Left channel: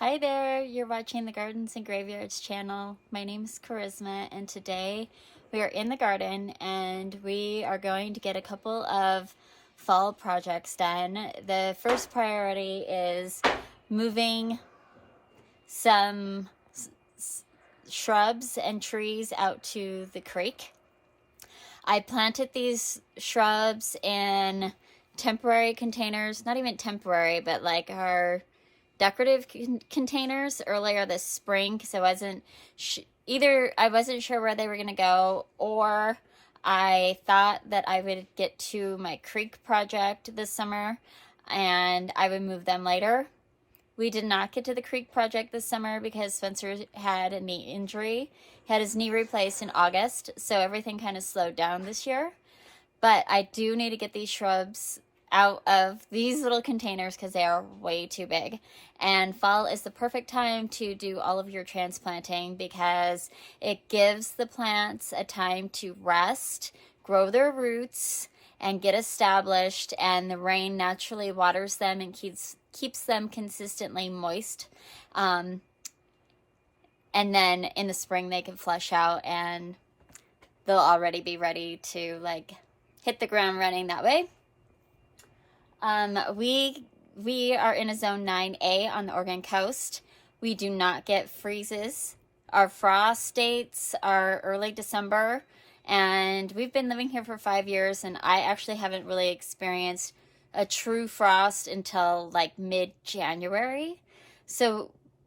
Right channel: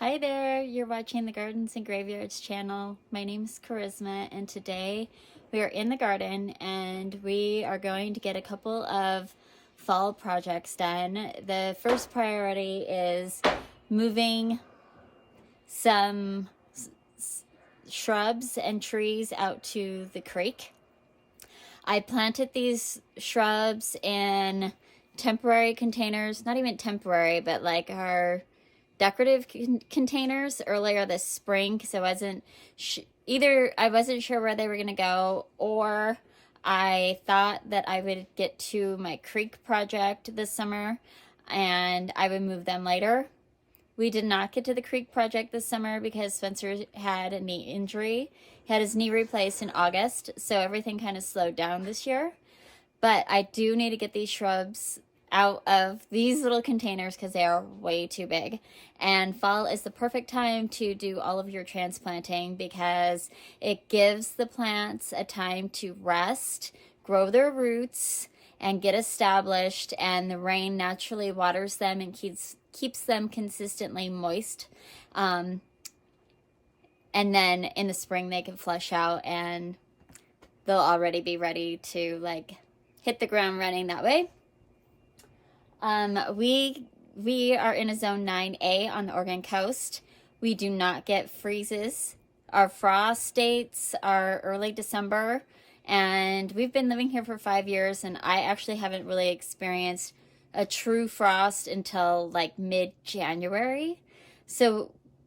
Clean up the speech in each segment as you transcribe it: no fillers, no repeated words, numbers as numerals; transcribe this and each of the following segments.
Hi there, you're watching the Gardens and Graveyards channel. My name is Charisma, and today we are in the garden and we are going to get a couple of fall projects done. The first priority is moving some shrubs and trees out to the creek. I planted these shrubs in temporary containers, not even temporary, but like our decorative containers earlier this spring because I wasn't I wasn't sure where they were going to go, or I thought that I would get to my creek project this summer and I would move them later. We did not get to the creek project this summer because Spencer had a knee injury. He had his knee replaced in August, so everything kind of slowed down this year. But I do need to get these shrubs out of these little containers because they are way too big. And fall is the perfect time to do all of your transplanting because it gives the plants a time to rest, grow their roots, and get established, and the rain naturally waters them and keeps them consistently moist. And then in the spring they can flush out and they'll already be ready to like hit the ground running that way. We are in a zone 9A on the Oregon coast. We do not get freezes. Our frost dates are early December, and we've been living here for 5 years, and I actually haven't really experienced a true frost until like mid-January.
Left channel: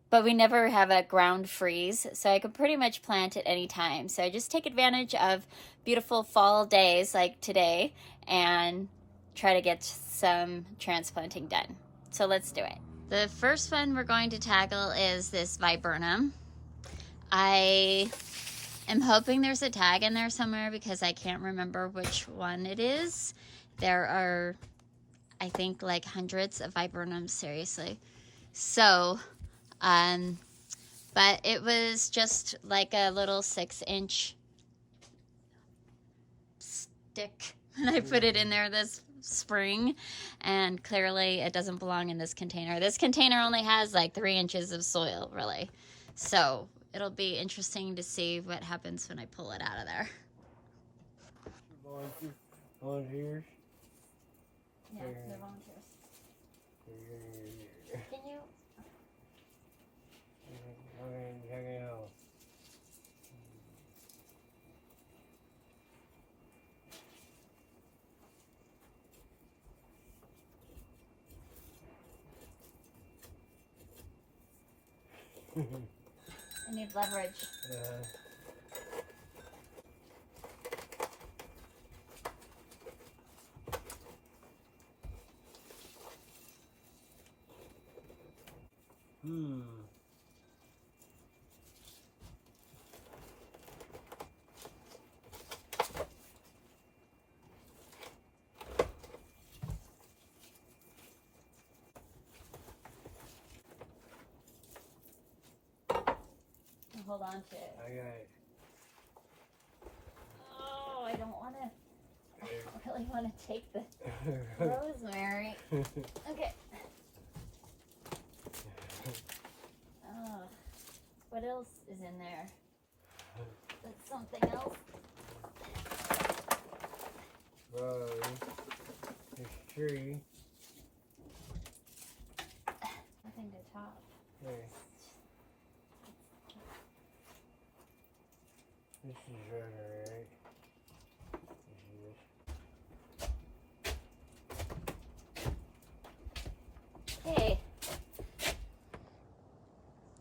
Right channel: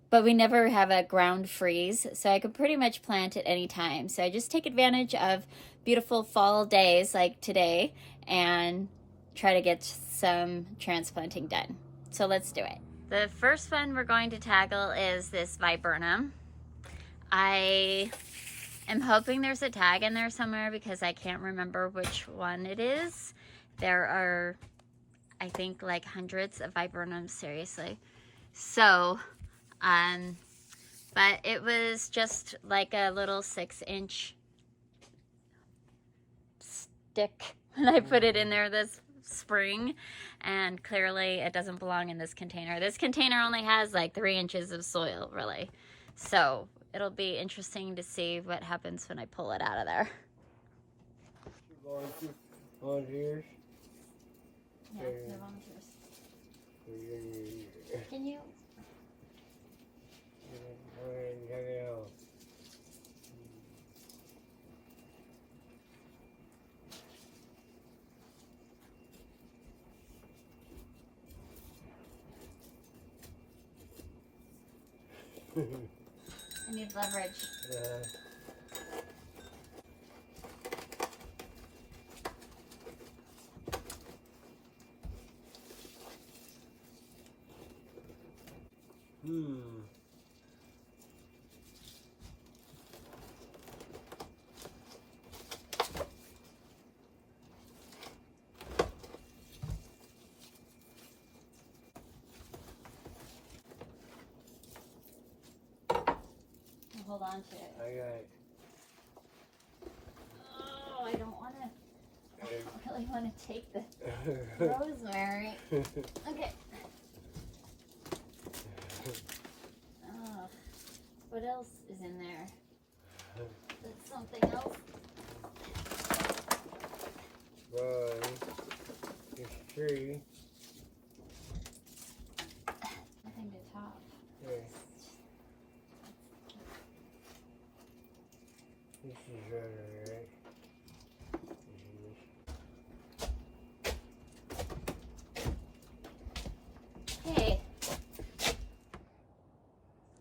But we never have a ground freeze, so I could pretty much plant at any time. So I just take advantage of beautiful fall days like today and try to get some transplanting done. So let's do it. The first one we're going to tackle is this viburnum. I am hoping there's a tag in there somewhere because I can't remember which one it is. There are, I think, like hundreds of viburnums, seriously. So, but it was just like a little 6-inch stick when I put it in there this spring, and clearly it doesn't belong in this container. This container only has like 3 inches of soil, really. So it'll be interesting to see what happens when I pull it out of there. Volunteers? Yeah, the volunteers. Can you? I need leverage. Hold on to it. Okay. Oh, I don't want to. I don't really want to take the rosemary. Okay. Oh, what else is in there? There's something else. This tree. Nothing to top. Okay. This is right. Okay.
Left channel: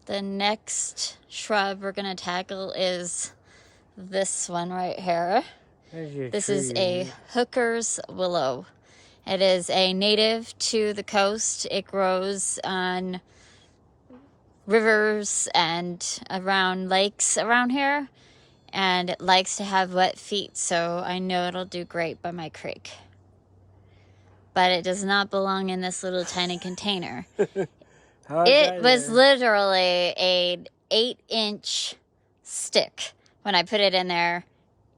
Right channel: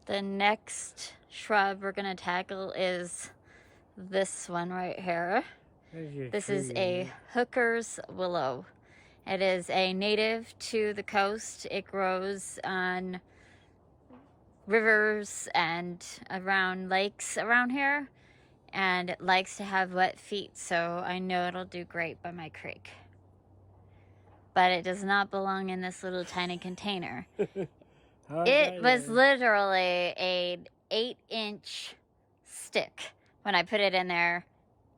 The next shrub we're going to tackle is this one right here. This is a hooker's willow. It is a native to the coast. It grows on rivers and around lakes around here, and it likes to have wet feet, so I know it'll do great by my creek. But it does not belong in this little tiny container. It was literally an 8-inch stick when I put it in there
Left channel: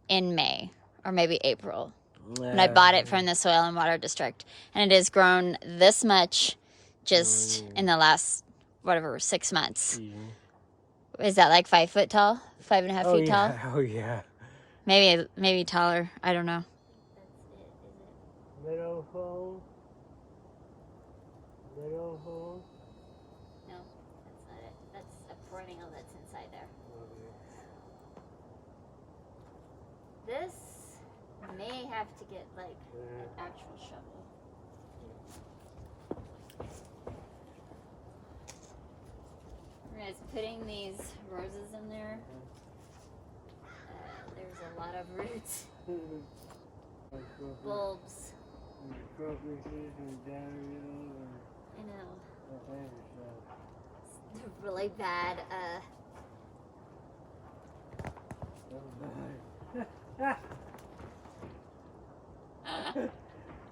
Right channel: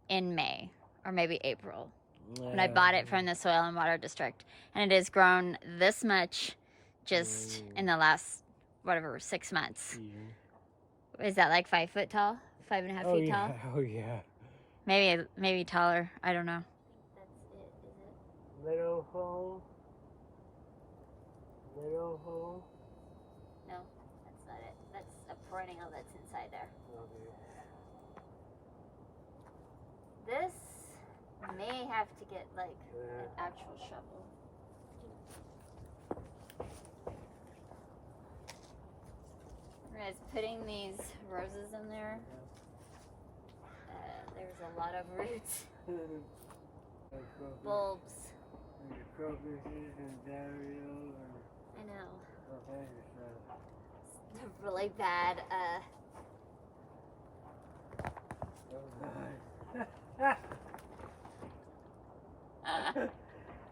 in May or maybe April. When I bought it from the Soil and Water District. And it has grown this much just in the last whatever, 6 months. Yeah. Is that like 5 foot tall? 5.5 Oh feet yeah. tall? Oh yeah. Maybe taller. I don't know. Meadow hole. Meadow hole. No, that's not it. That's a perennial that's inside there. Okay. This may have to get like an actual shovel. As putting these roses in there, there's a lot of roots, bulbs. And crocuses and daffodils I know. and all kinds of stuff. It's really bad. Oh God.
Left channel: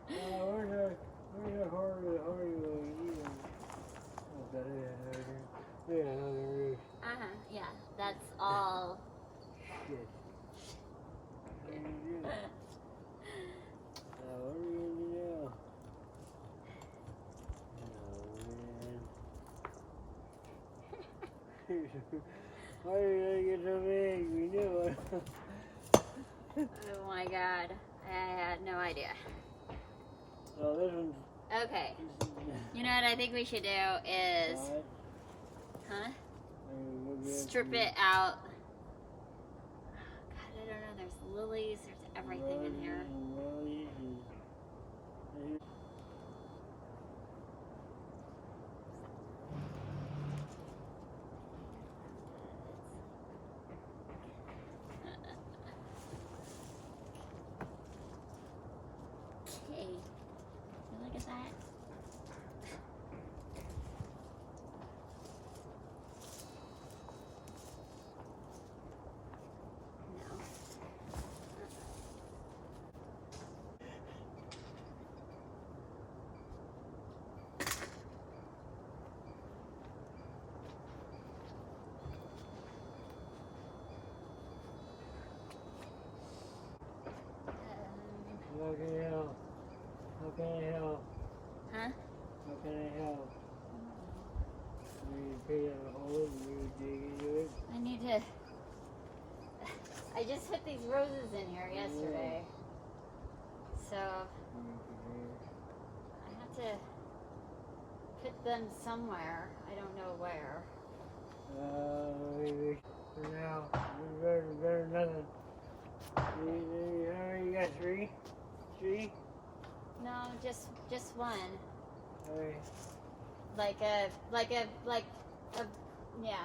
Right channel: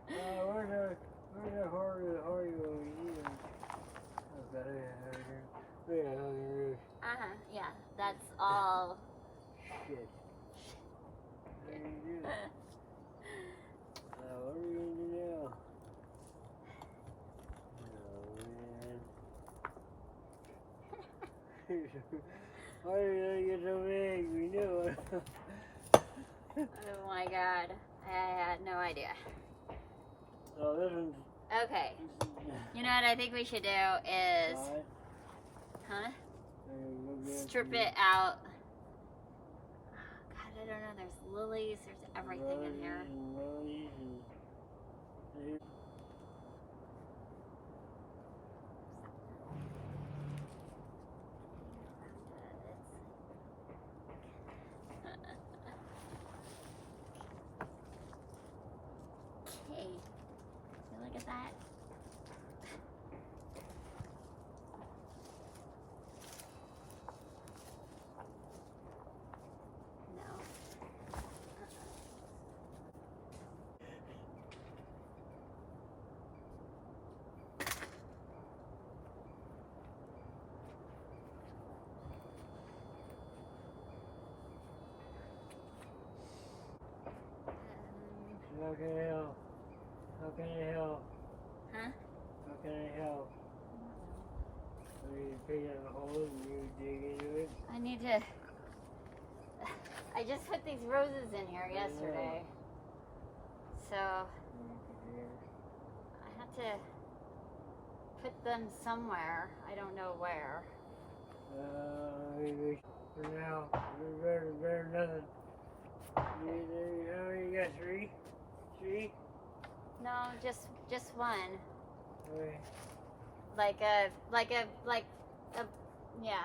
Where's the horror one? Okay, yeah. Yeah, that's all. Shit. What are you doing? What are you gonna do now? Oh man. Why are you gonna get so big? We knew it. Oh my God, I had no idea. Oh, this one's. Okay, you know what I think we should do is, huh? Strip it out. God, I don't know. There's lilies. There's everything in here. Okay, so look at that. No. How can I help? How can I help? Huh? How can I help? I mean, you pick out a hole and you dig into it. I need to. I just put these roses in here yesterday, so I have to put them somewhere. I don't know where. Maybe for now, better nothing. How many you got? Three? No, just one. Okay. Like a, yeah.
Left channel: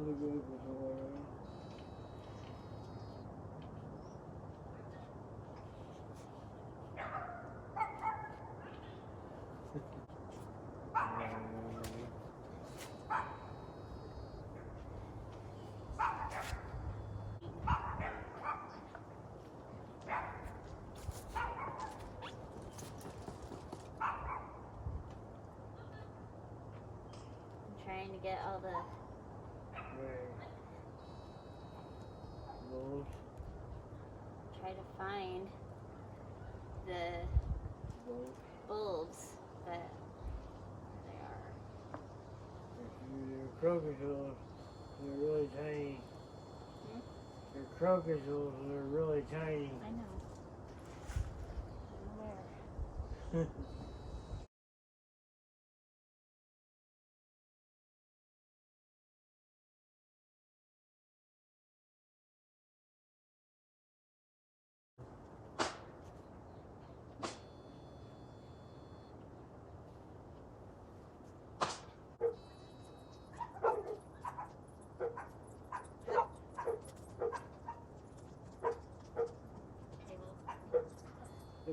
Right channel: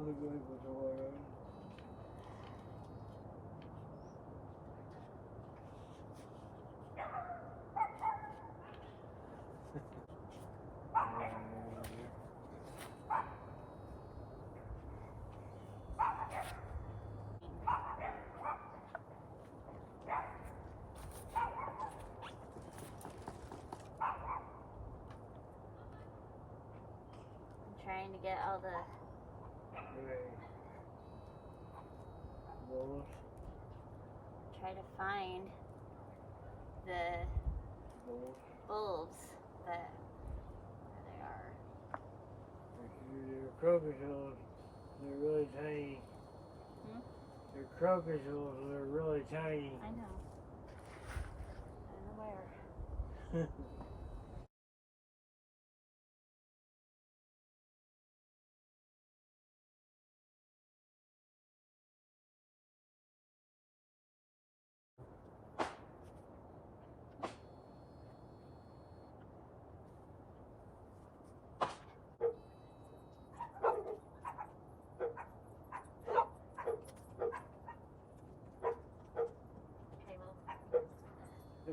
I'll go with the water. I'm trying to get all the. Right. Those. Try to find the bulbs, but there they are. They're crocuses. They're really tiny. Hmm? They're crocuses. They're really tiny. I know. I know where.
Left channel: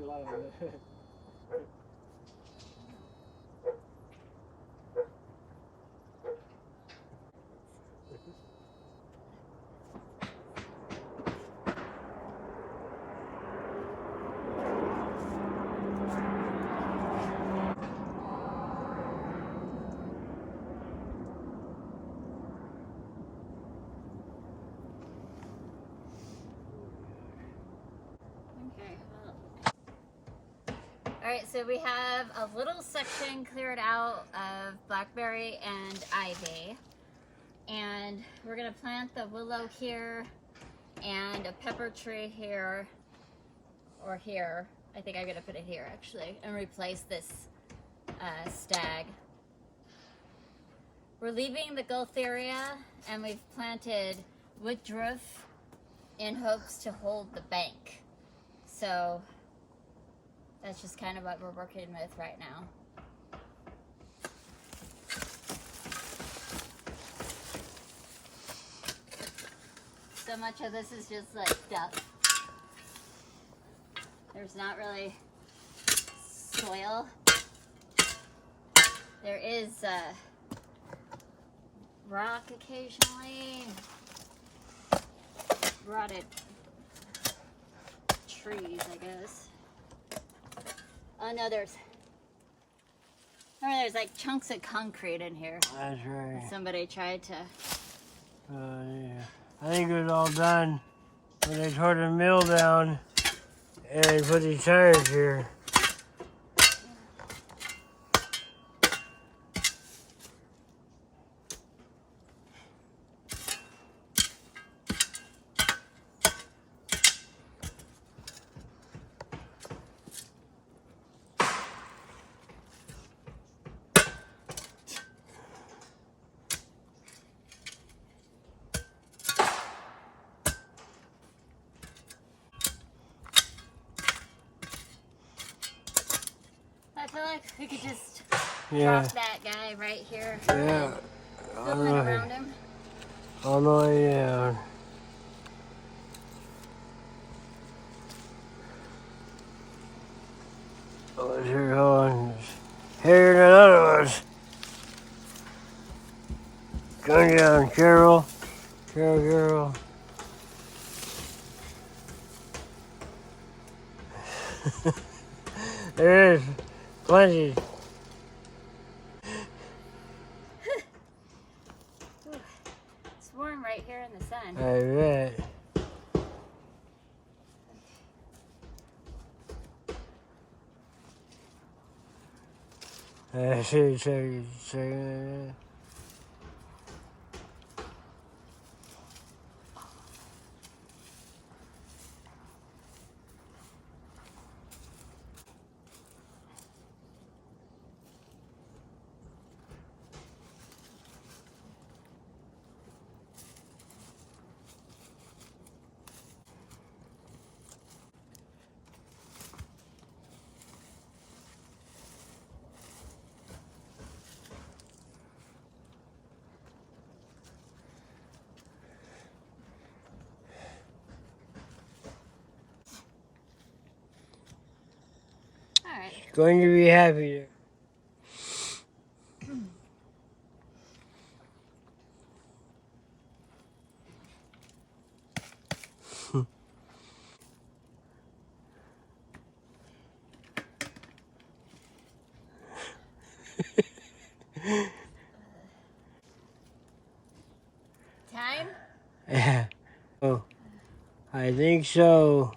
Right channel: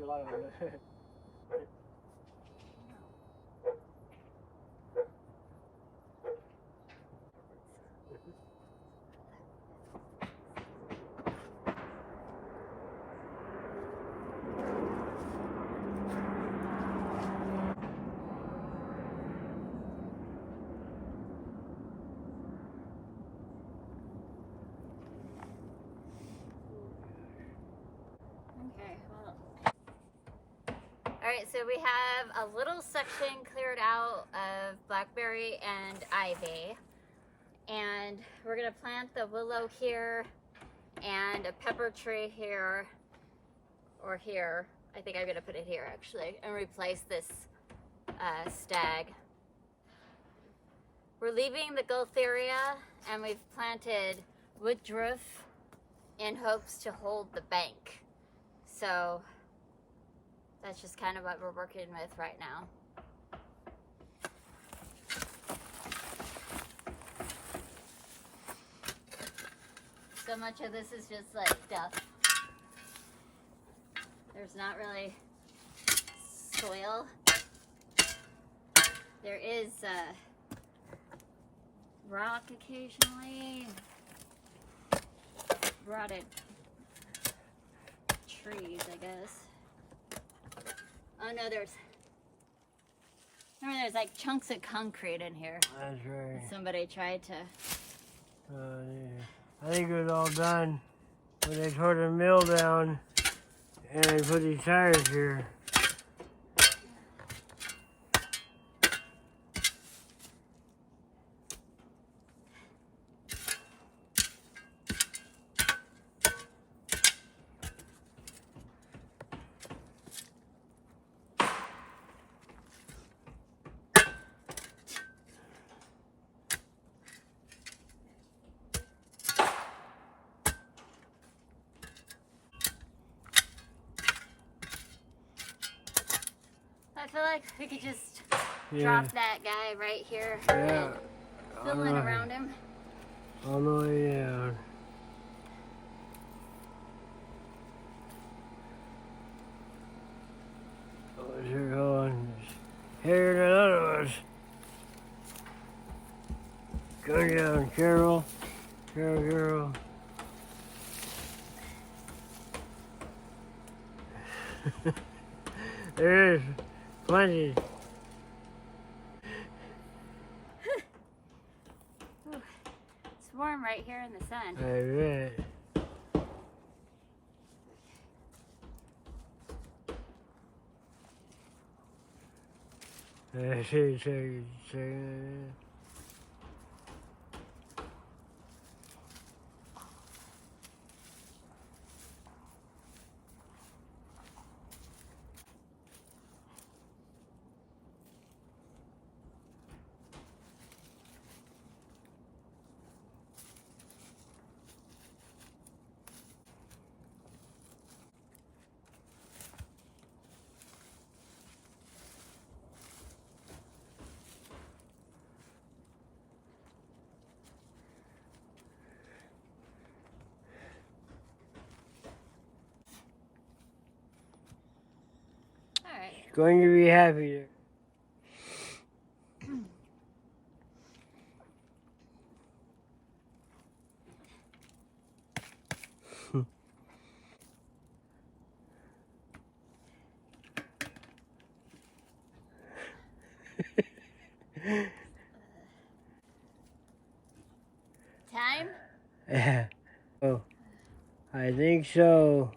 lot of it. Okay, well. Alright, so we have a little section cleared out of blackberry and ivy. And we're going to plant the willow here and a pepper tree here, or here. I think I'm going to put it here actually, and replace this stag. We're leaving the Gualtheria, and we've planted woodruff in hopes to hold the bank. So that's just kind of what we're working with right now. So much of this is just like duff. There's not really soil. There is rock occasionally. Rotted trees, I guess. Oh no, there's like chunks of concrete in here. That's right. Somebody tried to. Yeah. I think it was all done when they tore the mill down and they put these tires here. I feel like we could just Yeah. drop that guy right here. Yeah. Fill in around him. All the way down. Oh, here, hold on. Here than other ones. Come down, Carol. Carol. There is plenty. It's warm right here in the sun. I bet. I see. All right. Going to be happy there. Time? Yeah. Oh, I think so.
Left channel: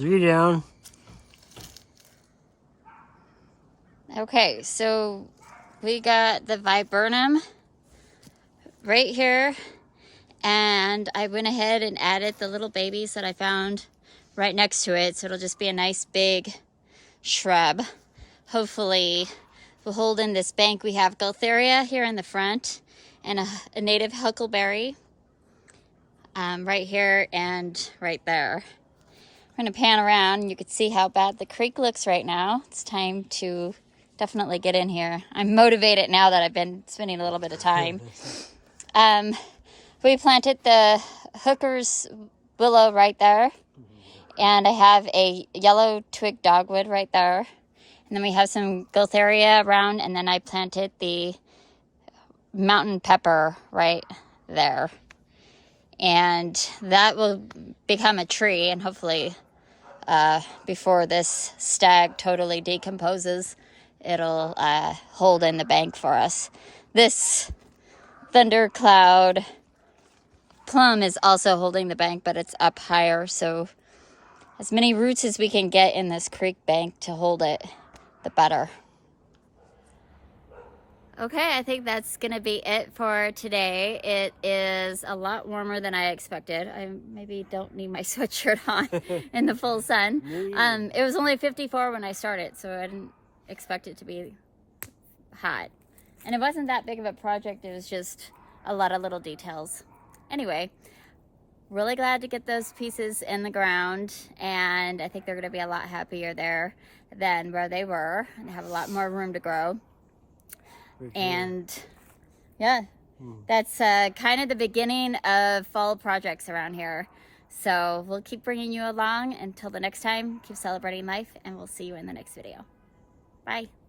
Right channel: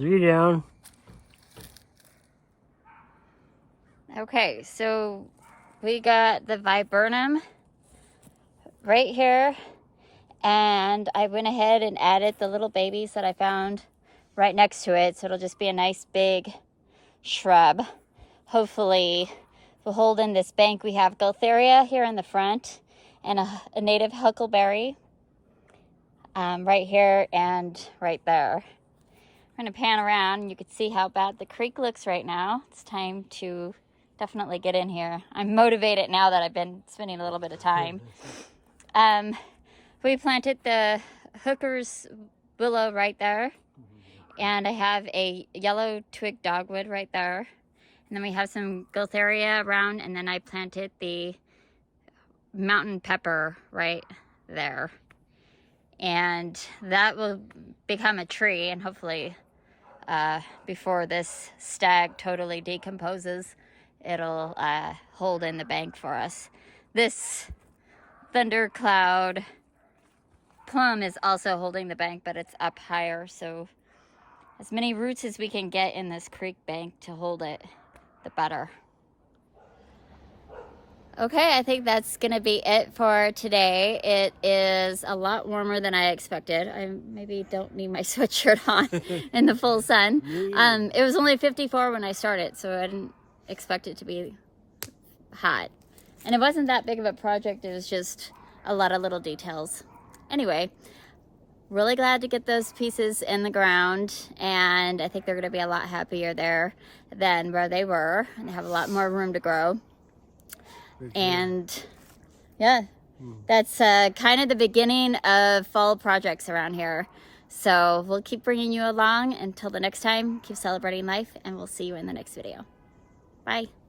3 down. Okay, so we got the viburnum right here, and I went ahead and added the little babies that I found right next to it, so it'll just be a nice big shrub. Hopefully will hold in this bank. We have Gaultheria here in the front and a native huckleberry right here and right there. I'm going to pan around and you can see how bad the creek looks right now. It's time to definitely get in here. I'm motivated now that I've been spending a little bit of time. We planted the hooker's willow right there, and I have a yellow twig dogwood right there, and then we have some Gaultheria around, and then I planted the mountain pepper right there, and that will become a tree, and hopefully before this stag totally decomposes, it'll hold in the bank for us. This thundercloud plum is also holding the bank, but it's up higher, so as many roots as we can get in this creek bank to hold it, the better. Okay, I think that's gonna be it for today. It is a lot warmer than I expected. I maybe don't need my sweatshirt on in the full sun. It was only 54 when I started, so I didn't expect it to be hot. And it wasn't that big of a project, it was just a lot of little details. Anyway, really glad to get those pieces in the ground, and I think they're gonna be a lot happier there than where they were, and they have a lot more room to grow. And yeah, that's kind of the beginning of fall projects around here. So we'll keep bringing you along until the next time. Keep celebrating life, and we'll see you in the next video. Bye.